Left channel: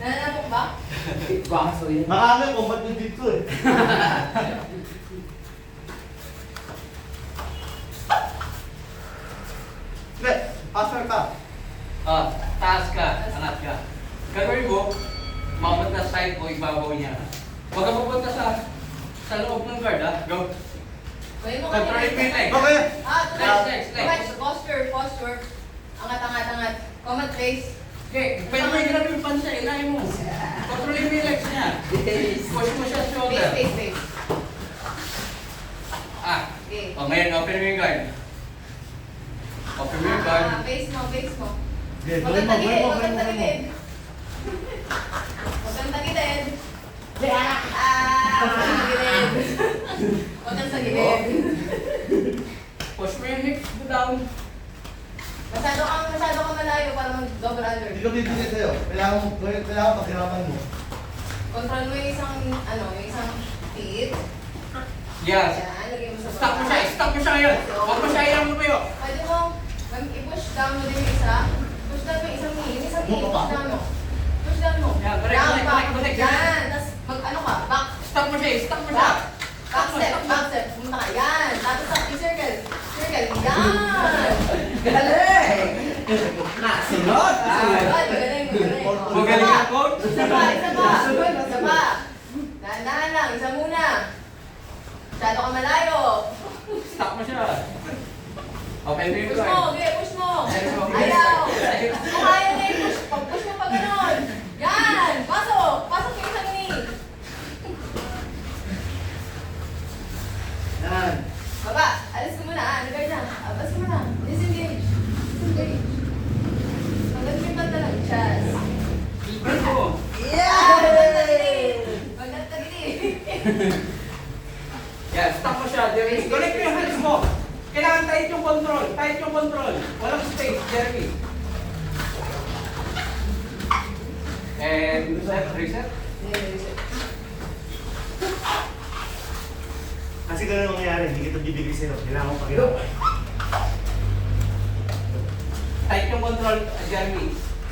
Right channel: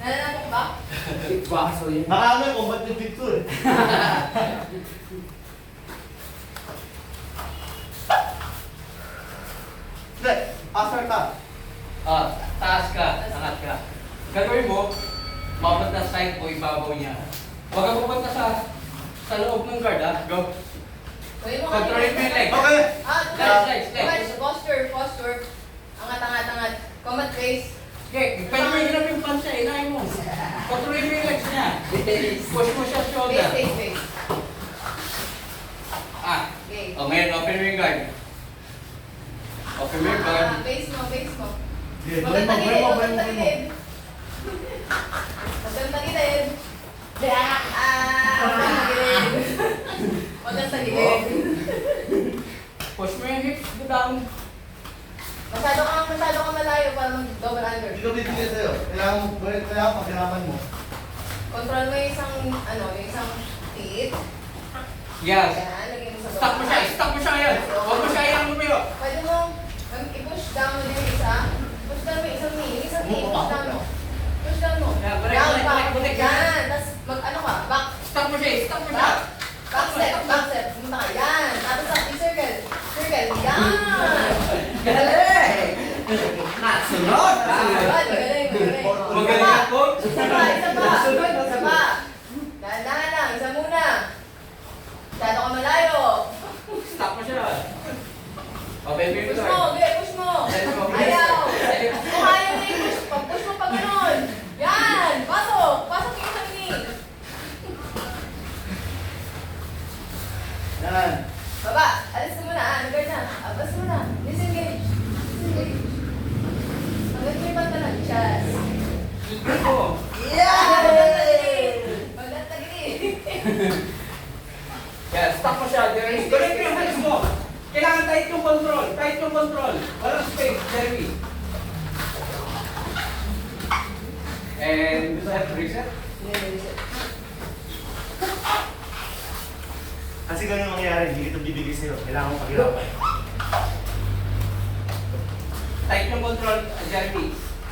Nananapok ba? Baso yun. Makakal kung ba't bibig ko eh. Hindi, passer ka. Taas ka, angat ka. Gagawin mo, mapunta sa side mo, ibabaw niya. Huwag ka pupunta sa loob ng guard, ha? Go. Gawin mo Controlin mo yung leg. Okay. Legs. Posture. Angat. Combat face. Okay, pwede mo hirap yung pansya, ilahin mo. Controlin mo yung legs niya. Push mo siya shoulder. Face. Okay. Ngayon, open mo yung guard. Open mo yung guard. Face mo. Sige, Huwag gawin kang mo. Huwag kang tagilid. Push mo yung hips down. Masyado kang malayo para mag-double under. Hindi ko bibigay sa'yo. Kailangan paghirapan mo. Control mo yung isang feet. Yes. Yan, lagay mo sa Stop mo siya ngayon. Huwag mo siya yan lumayo. Pwede mo i-push down mo din yung isa. Push down mo yung isang knee. Yung isang knee, push down mo. Push down mo. Yan, balik. Yan, tapos mag-ano ka, back. Stop mo siya. Back step. Pumunta ka. Yan. Tapos yung circle. Yan. Galing! Nasunod! Galing. Magaling ang coach. Isa pa. Dahan-dahan lang. Isa muna. Masyado ka malayo. Stop mo siya. Open mo yung Push mo. guard. Push mo. Ayaw. Kung ayaw mo yung push, pag-push mo pa ganun. Yan. Pasok yung isang knee. Yan. Baba. Alis ka muna. Guard na. Alis ka muna. Disengage. Hanggang yung mata lang. Chest. Ibrad mo. Magtatagili. Yan, stop mo siya. Jeremy. Connect mo yung hands mo. Kailangan tight yung control. Walang space, Jeremy. And reset. Kasi ganun ang nangyari, hindi kita bibigay sa'yo. Kailangan mo paghirapan. Tight yung control, Jeremy.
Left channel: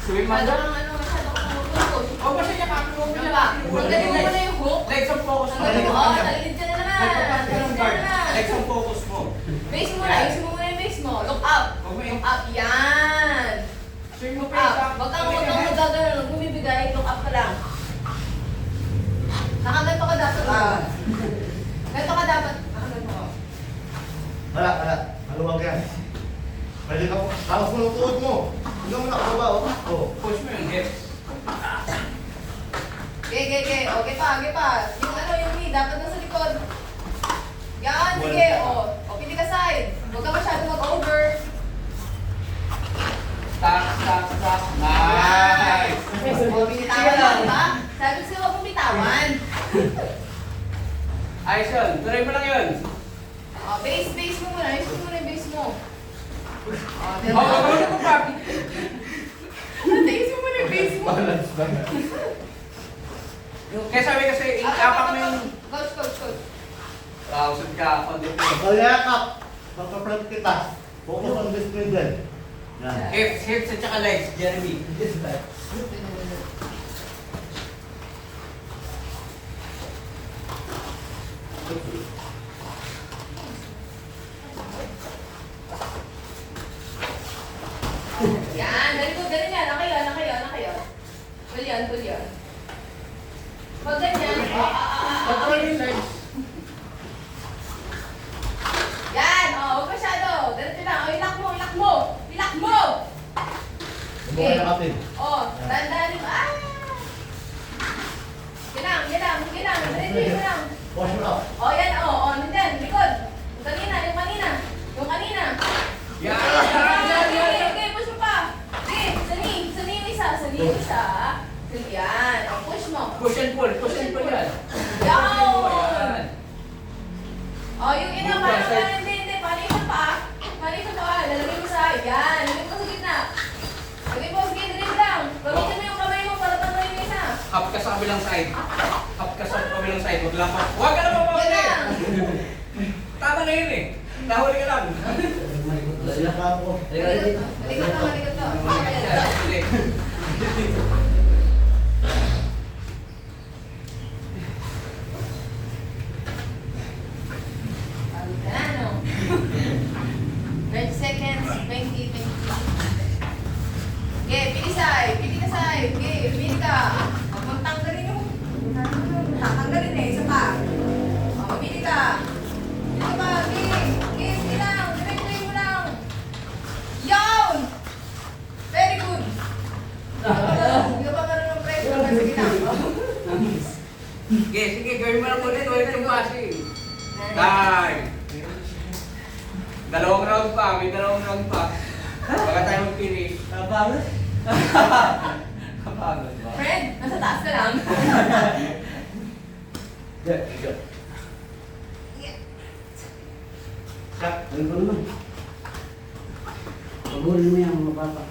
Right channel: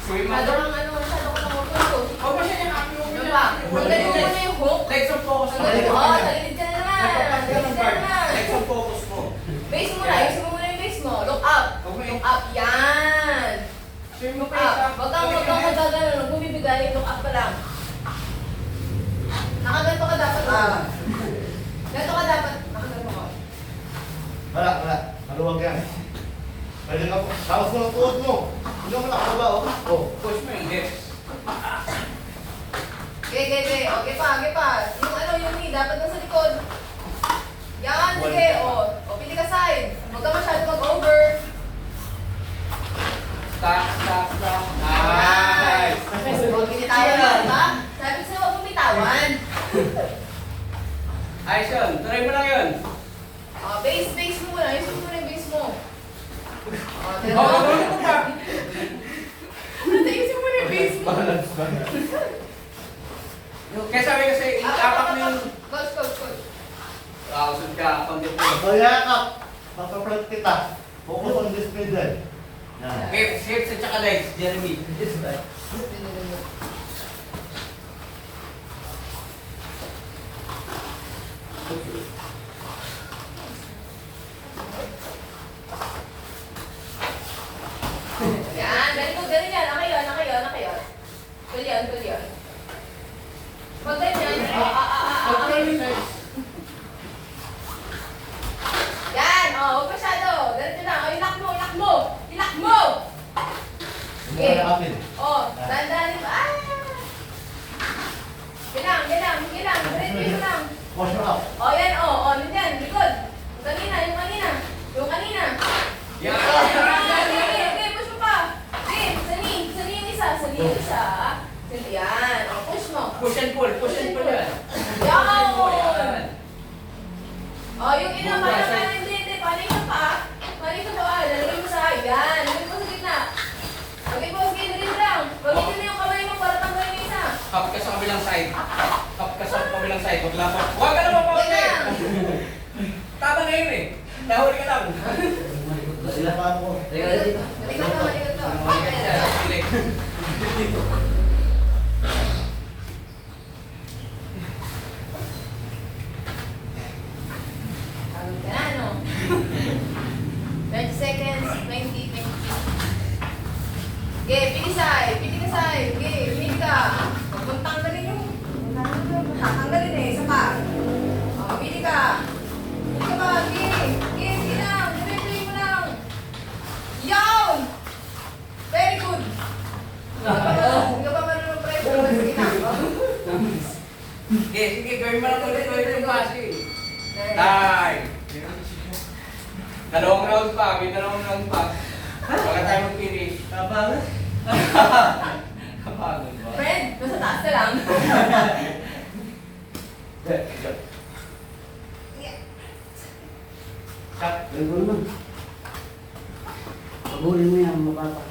Swim mo Masyado siya. kang focus. Huwag mo siya niya kapilong Ano ba? Magaling mo na yung hook. Legs on focus mo. Magaling mo. Talilid ka na naman. Talilid ka na naman. Legs on focus mo. Base mo na. Ayusin mo muna yung base mo. Look up. Look up. Yan. Swim mo pa Up. Huwag kang magagano. Huwag bumibigay. Look up ka lang. Nakaganto ka dapat. Ganto ka dapat. Nakaganto ka. Wala. Maluwag yan. Pwede ka po. Tapos mo ng tuod mo. Huwag mo nakababa, oh. Push mo yung hips. Okay. Okay pa. Yung knee. Dapat nasa likod. Yan. Sige. O, pili ka side. Huwag ka masyado mag-over. Stop. Nice. Binitawan lang, diba? Sabi ko sa'yo, huwag mong bitawan. Ayos yun. Tuloy mo lang yun. Base mo muna. Ayusin mo muna yung base mo. Wag mo pa. Ayusin mo muna yung base mo. Balance. Kaya sabi kasi, itapak mo yung... Coach. Usod ka, konti po. Pagayakap. Pagpapalit kita. Focus on this middle. Yan. Hips at saka legs, Jeremy. Yan, ganun yan. Nakayo. Pull yan. Pag ganyan, Control yung legs. yan, huwag masyado. Ganito lang. Ilak mo. Mukha na kapit. Dandan. Ganang. Diretso lang. Push mo up. Yan, nandiyan, likod. Yung kanina. Yan. Okay, push mo pa. Okay, sa knee yung isa. Yan, push mo. Push and pull yan. Yan. Yung ina, hindi. Paano yung pa? Lalagay mo sa yan. Lagay mo sa gitna. Rin lang. Gamitin mo yung kamay mo para tanggalin yung isa. Hop ka sa kabilang side. Huwag lang pa. Huwag ka na pa. Yan. Tama na yun eh. Nahuli ka lang. Sinabahan ko. Malikot to. Balikan siya. Sige, sige, gawin mo lang ulit yung passing. Time. Dalawang round pa, may dalawang round pa. Baka tayo mag-finish. Kapagod? Kapagod ba? Fred, nasa taas ka lang. Shot. Gawin ko naman. Pagurin mo yan, mapapa.